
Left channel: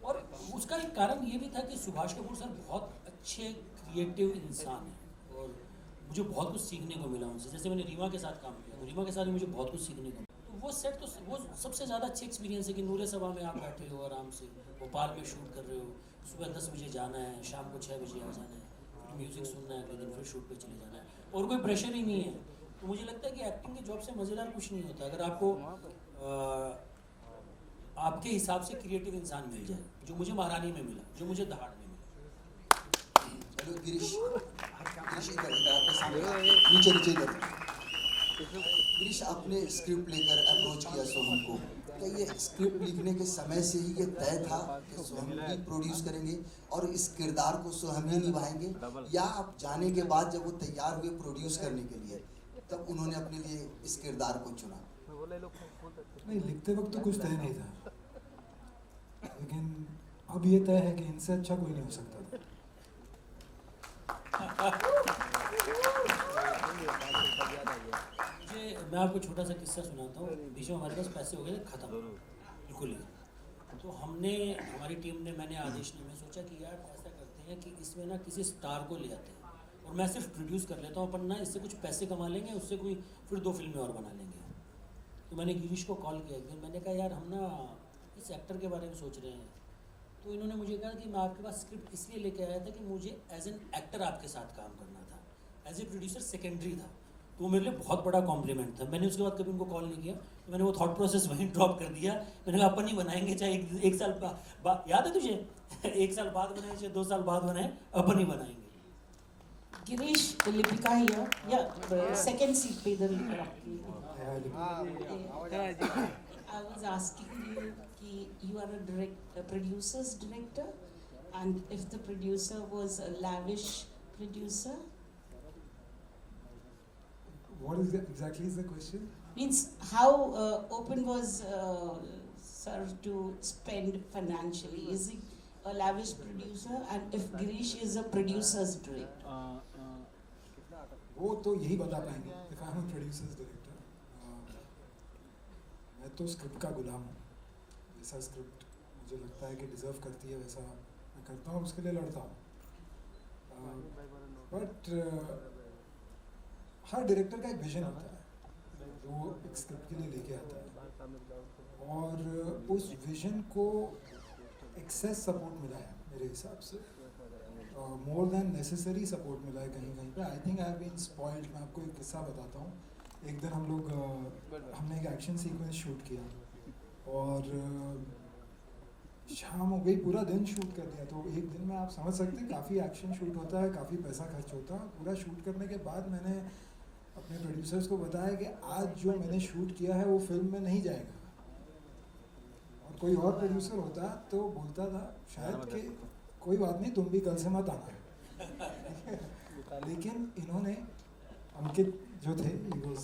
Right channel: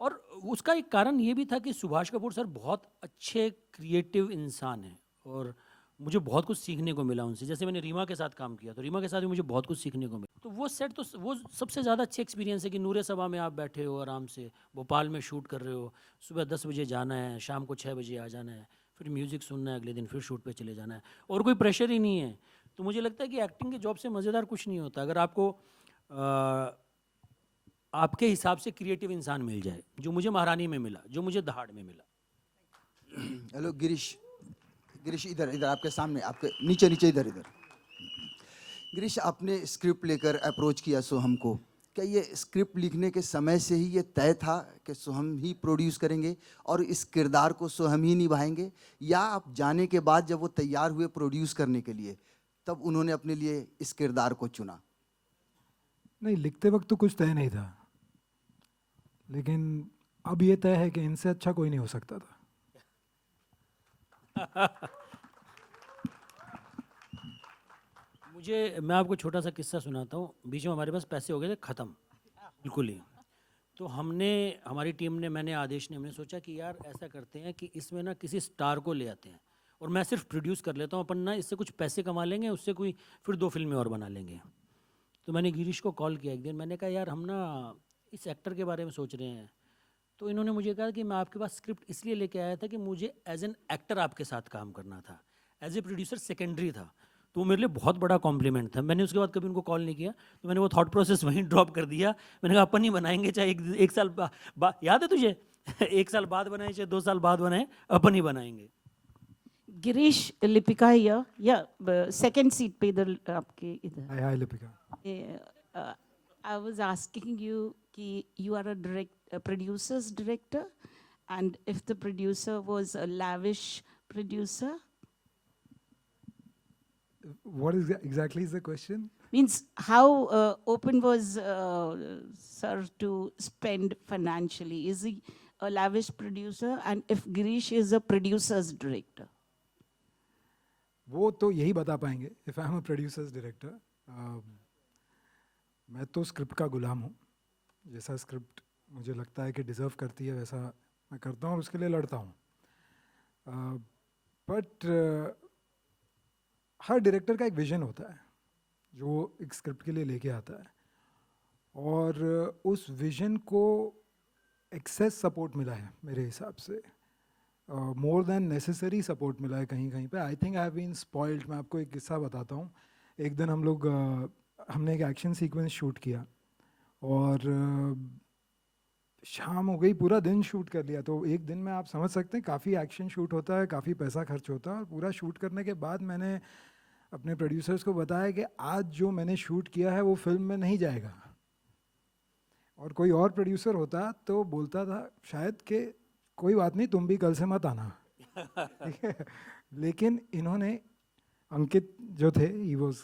और उसका एक कारण ये भी था कि सुभाष कपूर सर बहुत अच्छे क्रिएटिव इंसान हैं और मुझे बहुत कुछ सीखने को मिला उनसे। जैसे मैंने रीमा के साथ काम किया, तो रीमा के साथ मुझे बहुत कुछ सीखने को मिला। तो वो सेट, तो वो सबसे ज़्यादा अच्छी एक्सपीरियंस है कि नूरे सभा में आप बैठे हो आराम से, भोपाल में शूट कर रहे हो, सुबह 10 बजे जाना है, शाम को 6 बजे आ जाना है, फिर म्यूज़िक सुनना है, अगले दिन फिर शूट पे चले जाना है, और कोई प्रेशर ही नहीं है। तो मुझे लगता है कि एक्टिंग के जॉब से मज़ेदार कुछ नहीं होता अगर आपको आपके हिसाब से क्रिएटिव इंसान मिल जाए, जो मुझे महारानी में मिला, जो मुझे दहाड़ में मिला। हेलो गिरीश, इधर आपके सामने, आपके नीचे इधर। गिरीश, आपने स्क्रिप्ट लेकर अप्रोच किया सोहम को, क्या ये स्क्रिप्ट लिखने के समय से ही ये तय था कि सोहम ही प्रोड्यूस करेंगे और इस किरदार को सोहम ही निभाएंगे, या आप जाने के बाद जब वो तैयार हुए प्रोड्यूस करने के लिए, तब उन्होंने अपने लिए इस किरदार को चुना? नहीं, लिखते वक्त तो कुछ तय नहीं था, लेकिन अब ये तय है कि इनसे अच्छा कोई नहीं हो सकता था। मैं आपको छोटा सा किस्सा सुनाता हूँ। बीच में हमारे पास पैसे हो गए थे ख़त्म बिल्कुल ही, तो हमारी टीम ने, मैंने, आदेश ने, हमने सोचा कि यार ऐसा करते हैं कि इसमें ना किसी स्टार को ले आते हैं और मैं सिर्फ प्रोड्यूस कर लेता हूँ, अपन ना इससे कुछ पैसे कमा लेंगे, उससे कोई फिर 2 फिल्में और बना लेंगे। तो मैंने गिरीश को कॉल किया एक दिन, मैंने कहा यार हम ना इस एक्टर के बारे में सोच रहे हैं। तो इन्होंने मुझे कहा कि मैं आपके पास स्क्रिप्ट इसलिए लेके आया था कि मुझे एज एन एक्टर आपके साथ काम करना था, एज ए प्रोड्यूसर सेकेंडरी था। तो वो मेरे लिए बहुत बड़ा कॉम्प्लीमेंट था। मैंने उसके बाद कभी उनको कॉल नहीं किया, तो मैंने वो थॉट प्रोसेस वहीं ड्रॉप कर दिया। मैंने कहा अपन ही बनाएंगे, चाहे एक साल याद है तुझे 1 साल बाद बनाए चाहे 2 साल बाद बनाए, अपन ही बनाएंगे। गिरीश, लिपिका हियर, या सेकंड सीट पे इधर आपके Hi, Lipika. I was asking you कि you are a producer's director, and if the producer was a lavish producer, What is exactly is the question? means how open was sir to spend financially? Is he a lavish producer, and if Girish is a producer's director? वो तो यही बता पाएंगे if I am a producers director. मैं तो script का गुलाम हूँ, जैसा स्क्रिप्ट मुझे लगता है कि डिज़र्व करती है वैसा मैं करता हूँ, उसके लिए लड़ता हूँ। बट हर डायरेक्टर का एक विजन होता है जो एक स्क्रिप्ट के लिए लेके आता है, और उस विजन को एक्सेस सपोर्ट मिला है मेरे हिसाब से, मोर देन नेसेसरी सपोर्ट मिला है कहीं कहीं पे। I think I have been spoiled. मैं आपको एक किस्सा बताता हूँ। एक दिन हमने एक एक्शन सीक्वेंस शूट किया और शाम हो गई, पूरा दिन शूट कर लिया। तो एक दिन में आप समझ सकते हैं काफ़ी एक्शन शूट होता है, काफ़ी पैसा खर्च होता है। पूरा शूट करने के बाद मैंने अपने प्रोड्यूसर्स को बताया कि आज जो मैंने शूट किया है वो फिल्म में नहीं जाएगा। और कोई और प्रोड्यूसर होता तो बोलता था शायद कि कोई बात नहीं, तुम भी कल से मत आना, ठीक है। लेकिन इन्होंने, अंकित जो थे, ही वॉज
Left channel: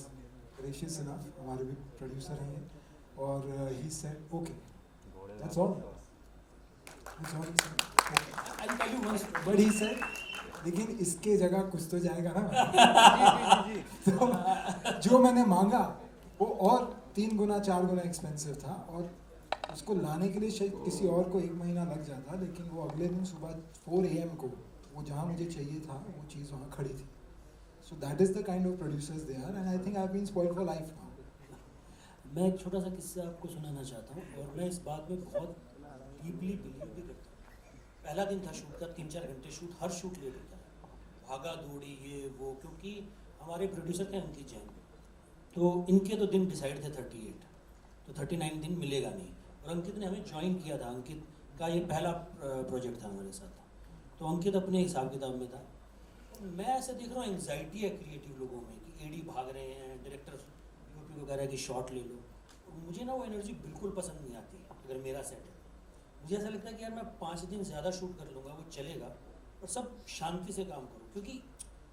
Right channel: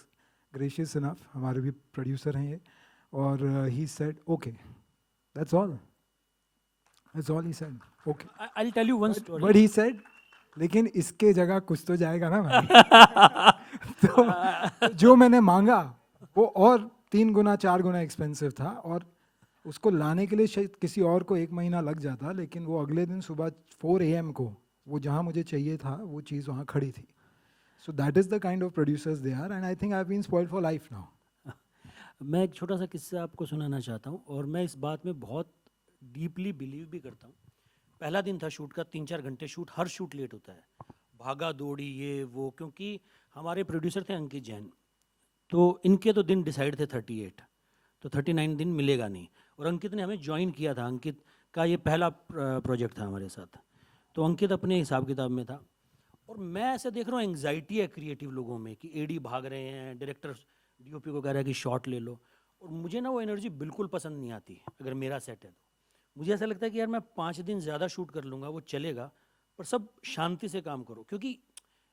ग्रेशियस इनफ, हमारे भी प्रोड्यूसर हैं ये, और he said okay, that's all he said, okay. I will tell you one story. But he said लेकिन इसके जगह कुछ तो जाएगा ना भाई। तो जो मैंने मांगा वो और 3 गुना 4 गुना एक्सपेंसिव था, और उसको लाने के लिए शायद किसी और को 1 महीना लग जाता, लेकिन वो अगले दिन सुबह 4 AM को वो जहाँ मुझे चाहिए था वो चीज़ वहाँ खड़ी थी। So that is the kind of producers they are, and I think I have been spoiled for life now. मैं एक छोटा सा किस्सा आपको सुनाना चाहता हूँ, और मैं इस बात में बहुत डीपली बिलीव भी करता हूँ। पहला दिन था शूट का, 3-4 घंटे शूट, हर शूट लेट होता है, भागा दौड़ी ये वो, क्योंकि हमारे प्रोड्यूसर थे अंकित जैन, तो इनके तो दिन डिसाइड थे 38, तो 39 दिन मिलेगा नहीं। और अंकित ने हमें ज्वाइन किया था, अंकित का ये पहला प्रोजेक्ट था हमारे साथ, तो अंकित अपने हिसाब किताब में था। और मैं ऐसे देख रहा हूँ एंग्जाइटी है क्रिएटिव लोगों में कि एडी भाग रहे हैं, डायरेक्टर DOP को कह रहा है कि शॉट ले लो, और मुझे ना वो एनर्जी बिल्कुल पसंद नहीं आती अगर मेरा सेट है। मुझे ऐसा लगता है कि यार मैं 5 दिन ज़्यादा शूट कर लूँगा, वो चलेगा, पर सब शांति से काम करो, क्योंकि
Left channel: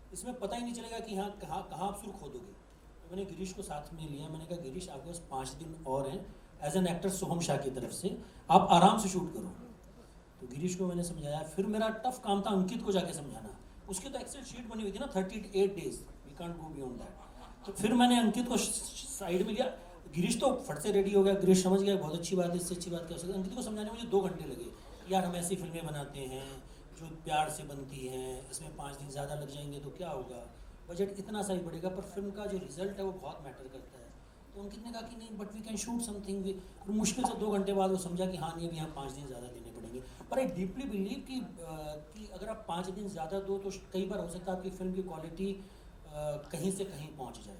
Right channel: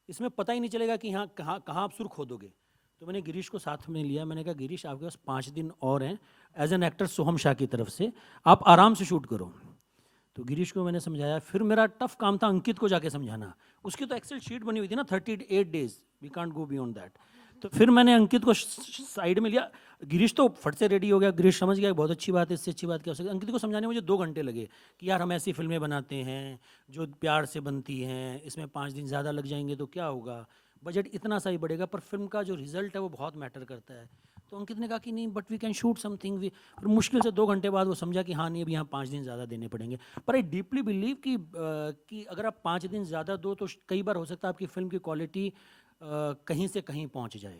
इसमें पता ही नहीं चलेगा कि यहाँ कहाँ आप सुर खोदोगे। तो मैंने गिरीश को साथ में लिया, मैंने कहा गिरीश आपके पास 5 दिन और हैं, एज एन एक्टर सोहम शाह की तरफ से आप आराम से शूट करो। तो गिरीश को मैंने समझाया, फिर मेरा टफ काम था अंकित को जाके समझाना। उसकी तो एक्सेल शीट बनी हुई थी ना 38 days, we can't go beyond that. तो फिर मैंने अंकित को साइड में लिया, गिरीश तो फट से रेडी हो गया, गिरीश समझ गया बहुत अच्छी बात है, इससे अच्छी बात क्या हो सकती है। अंकित को समझाने में मुझे 2 घंटे लगे कि यार हम ऐसी फिल्में बनाते हैं जो प्यार से बनती हैं, इसमें 5 दिन ज़्यादा लग जाएंगे तो क्या होगा, बजट इतना सा ही बढ़ेगा, पर फिल्म का जो रिजल्ट है वो बहुत मैटर करता है। तो अंकित ने कहा कि नहीं, but we can shoot something. और मुश्किल से 2 घंटे बाद वो समझा कि हाँ नहीं, अभी यहाँ 5 दिन ज़्यादा देने पड़ेंगे। पर आई डीपली बिलीव कि अगर आप 5 दिन ज़्यादा दो तो कई बार हो सकता है आपकी फिल्म की क्वालिटी कहीं से कहीं पहुँच जाए,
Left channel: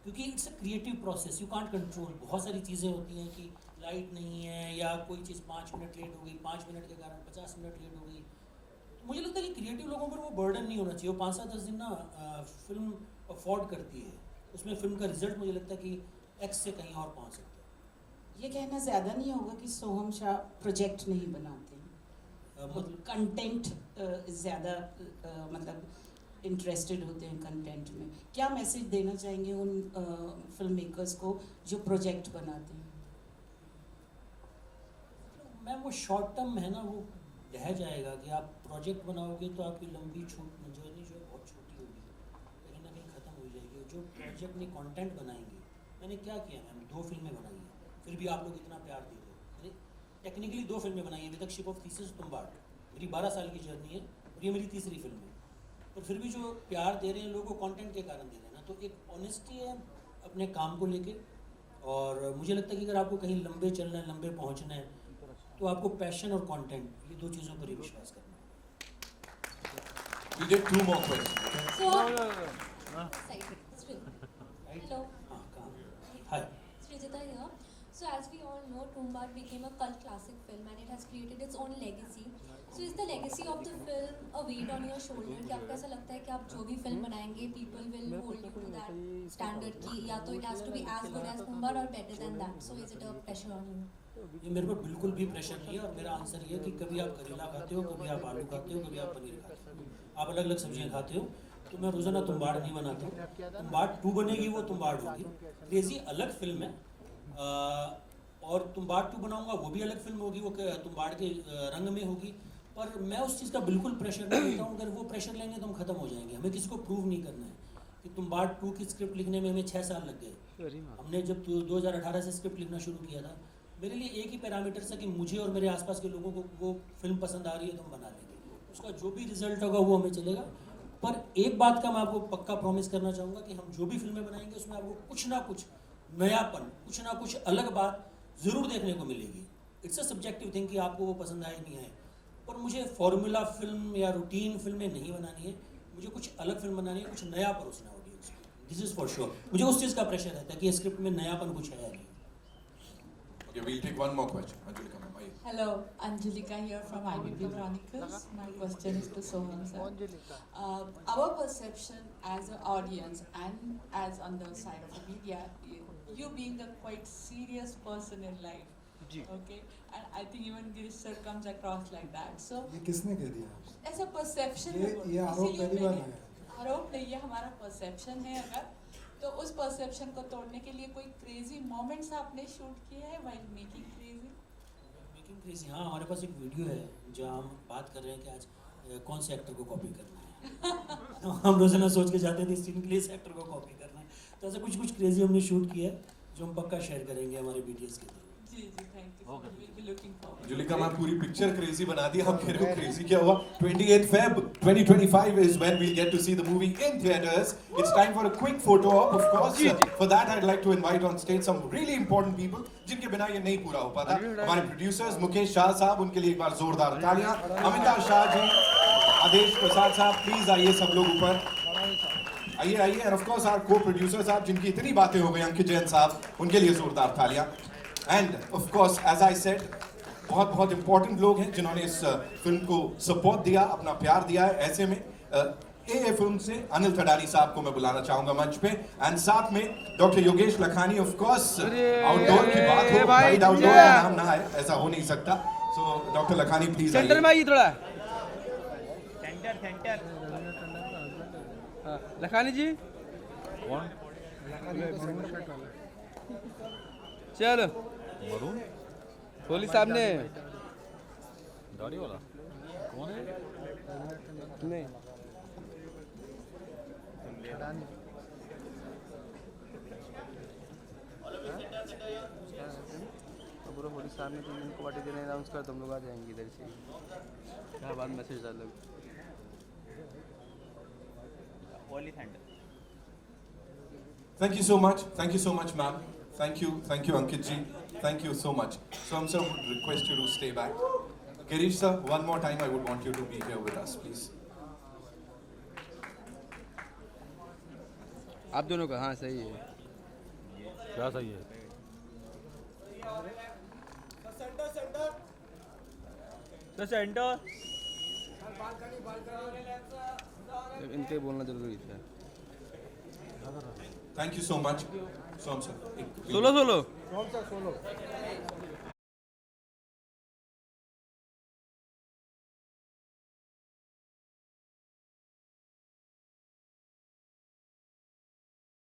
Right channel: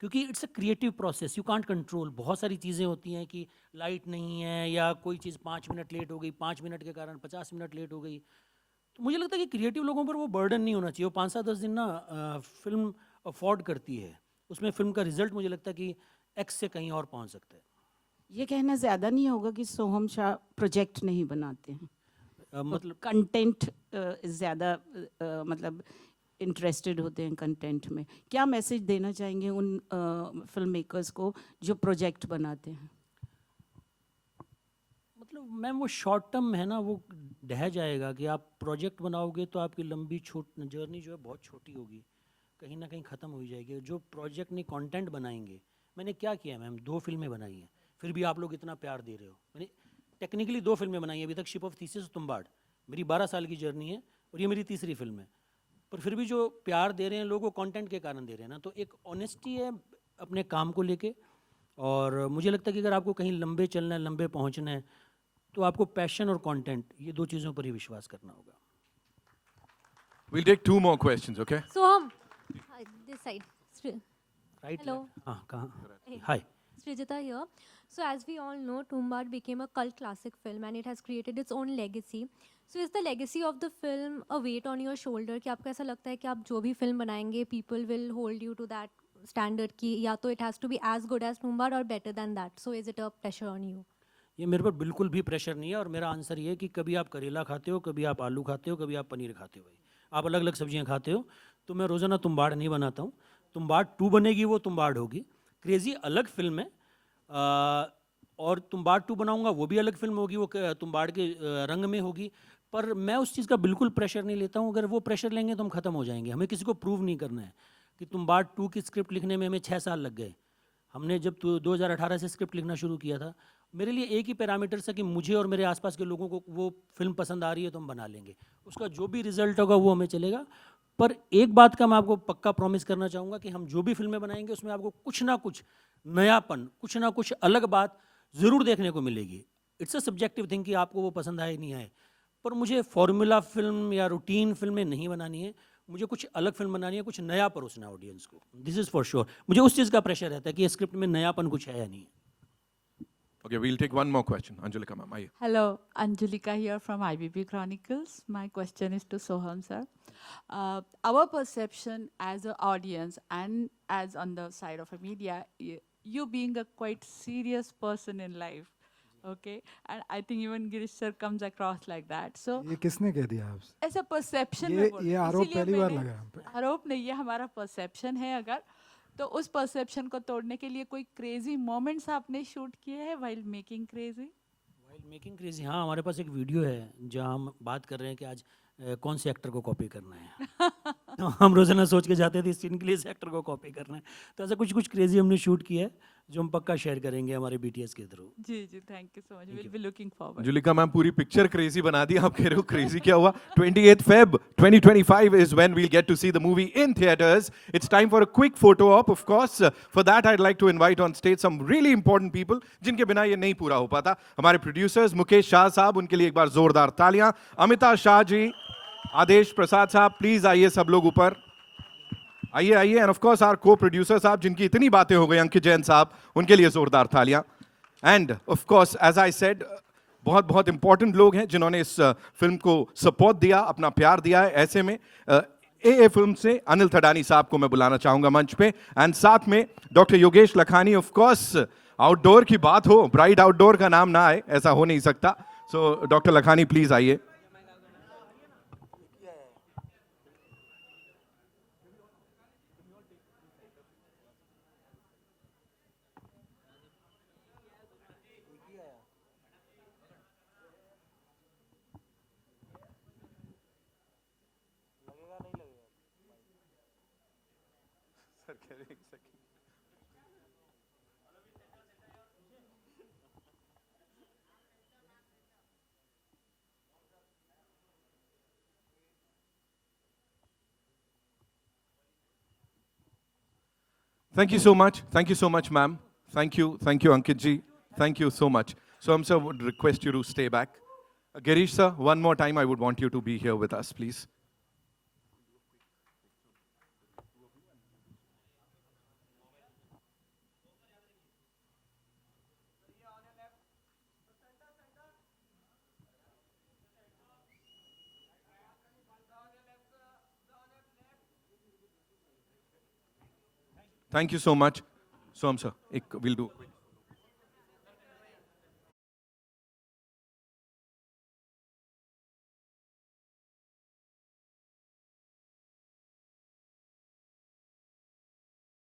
क्योंकि it's a creative process, you can't control. बहुत सारी चीज़ें होती हैं कि लाइट नहीं है या कोई चीज़ 5 मिनट लेट हो गई, 5 मिनट के कारण 50 मिनट लेट हो गई। मुझे लगता है कि क्रिएटिव लोगों पर वो बर्डन नहीं होना चाहिए। वो 5-7-10 दिन ना फिल्म अफोर्ड करती है, उसमें फिल्म का रिजल्ट मुझे लगता है कि X से कहीं और पहुंच सकते हैं। ये कहना ज़्यादा नहीं होगा कि सोहम शाह प्रोजेक्ट नहीं बनाते हैं, मतलब कंटेंट ज़्यादा मतलब इंटरेस्टेड होते हैं कंटेंट में। क्या मैसेज देना चाहेंगे उन फिल्म मेकर्स को जो प्रोजेक्ट बनाते हैं? मतलब मैं वो शॉर्ट टर्म है ना, वो ढह जाएगा कि आप प्रोजेक्ट बनाओगे तो आपकी लंबी जर्नी जो है बहुत छोटी होगी, कहीं ना कहीं ख़त्म हो जाएगी। जो प्रोजेक्ट नहीं कंटेंट बनाएंगे, मैंने क्या किया मैम, 2 फिल्में बनाई हैं, फिर भी आप लोग इतना प्यार दे रहे हो। यानी टेक्निकली 2 फिल्में बनाई हैं अभी तक, शिप ऑफ थीसिस, तुम्बाड़। मेरी 12 साल की जर्नी है और ये मेरी तीसरी फिल्म है। पर फिर भी जो प्यार दे रहे हैं लोगों को कंटेंट के कारण दे रहे हैं ना, तो एक ऑनेस्टी है अपने काम को लेके। और मुझे लगता है कि अगर आपको कहीं लंबे चलना है, लंबे पहुंचना है, तो आपको पैशन और कंटेंट, ये दो चीज़ों पर ही विश्वास करना होगा। We'll take 2 more questions, okay? So, this side, right? hello, हाँ, कहाँ? हाय। Srijata here. So as we all know, Tumbad became a cult classic film and it has created its own legacy. So is the legacy of the film a weight on your shoulder? कि आपको ऐसा लगता है कि आप जो भी film बनाएंगे, people will hold you to that standard कि या तो it has to be as good as Tumbad or better than that. So is it a pressure on you? ये मेरे पर बिल्कुल भी प्रेशर नहीं है, और मेरा आंसर ये है कि कभी आप करेला खाते हो, कभी आप आलू खाते हो, कभी आप पनीर खाते हो, आप अलग अलग सब्जियां खाते हो। तो मैं रोज़ाना तुम्बाड़ नहीं बनाता हूँ। तुम्बाड़ 2 बनेगी, वो तुम्बाड़ होगी। क्रेज़ी अलग फिल्म है, और तुम्बाड़ 2 बनाऊंगा वो भी अलग फिल्म होगी, वो तुम्बाड़ के रंग में होगी। पर मैं उस चीज़ का बिल्कुल प्रेशर नहीं लेता हूँ। अगर वो प्रेशर लेंगे तो हम ख़त्म हो जाएंगे। हमें किसी को प्रूव नहीं करना है कि तुम्बाड़ 2 की स्क्रिप्ट लिखने में हमें 6 साल लग गए। हमने जब 2018 से स्क्रिप्ट लिखना शुरू किया था, मेरे लिए एक ही पैरामीटर था कि मुझे और मेरे आसपास के लोगों को वो फिल्म पसंद आ रही है तो हम बना लेंगे। उसका जो भी रिजल्ट होगा वो हमें चलेगा। पर एक बात का मैं आपको पक्का प्रॉमिस करना चाहूँगा कि हम जो भी फिल्में बनाएंगे उसमें आपको कुछ ना कुछ नयापन, कुछ ना कुछ अलग बात ज़रूर देखने को मिलेगी। इट्स अ सब्जेक्टिव थिंग कि आपको वो पसंद आए नहीं आए। पर मुझे फॉर्मूला फिल्म या रूटीन फिल्में नहीं बनानी है, मुझे कुछ अलग फिल्म बनानी है, कुछ नया परोसना है ऑडियंस को। This is for sure. मुझे उस चीज़ का प्रेशर रहता है कि स्क्रिप्ट में नयापन कुछ है या नहीं। Okay, we'll take 1 more question. Anjulika ma'am, are you? Hello, Anjulika here from IBP Chronicles. My question is to Soham sir. Our perception as an audience and as on the side of the media, you being a quite serious person in life, okay? And I think even Girish sir comes across like that. So ये किसने कह दिया आपसे? ऐसा perception ये आरोप पहली बार लगा। आरोप नहीं, ये हमारा perception है। अगर तो उस परसेप्शन को तोड़ने के लिए कोई क्रेजी मोमेंट्स आपने शूट किए हैं while making crazy? Making crazy, हाँ, हमारे पास एक वीडियो है जहाँ हम बात कर रहे हैं कि आज कौन से एक्टर को कॉपी करना है। तो हम रोजाना सोच के जाते थे इस सीन के लिए इस एक्टर को कॉपी करना है। तो ऐसा कुछ कुछ क्रेजी हमने शूट किया है जो हम पक्का शेयर करेंगे हमारे BTS के थ्रू। जी जी, thank you so much, will be looking forward. Julika ma'am पूरी पिक्चर क्रेजी बना दी। आप कह रहे हो क्रेजी क्या हुआ? 28th Feb 2025 is when we'll get to see the movie in theaters. It's time for a quick photo op, of course. For that I'd like to invite on stage some really important people जिनके बिना ये नहीं पूरा हो पाता। हमारे producers Mukesh Shah साहब, उनके लिए एक बार जोरदार तालियां। अमिता शाह जी, आदेश प्रसाद साहब, प्लीज आइए सब लोग ऊपर आइए आइए। And of course our co-producer साहब जिनकी इतनी बातें हो गई, अंकित जैन साहब, उनके लिए जोरदार तालियां। And of course as I said, बहुत बहुत इंपॉर्टेंट लोग हैं जिन्होंने इस फिल्म को सपोर्ट दिया, अपना प्यार दिया है। ऐसे में AA फिल्म से अनिल थडानी साहब को मैं बुलाना चाहूंगा मंच पे, एंड साथ में doctor Yogesh Lakhani. Of course outdoor की बात हो, ब्राइट आउटडोर का नाम ना आए, ऐसा हो नहीं सकता। सो डॉक्टर लखानी प्लीज आइए। लखानी जी, चल कोहली साहब ने दाढ़ी वाला कौन है? नहीं पूरा कोहली साहब ने 3 दिन को पार्टी देने अनाउंस कर, तुम लोग आ जाएंगे इधर से। क्या बाद मैसेज डालो Thank you so much ma'am. Thank you Ankit ji, thank you so much. So I'm sir would request you to stay back. Girish sir, one more time I would want you to be here with us please. आप दोनों का, हाँ सही है। क्या सही है? Centre इनके बोलना जरूरी था। Thank you so much. Soham sir, एक सोलो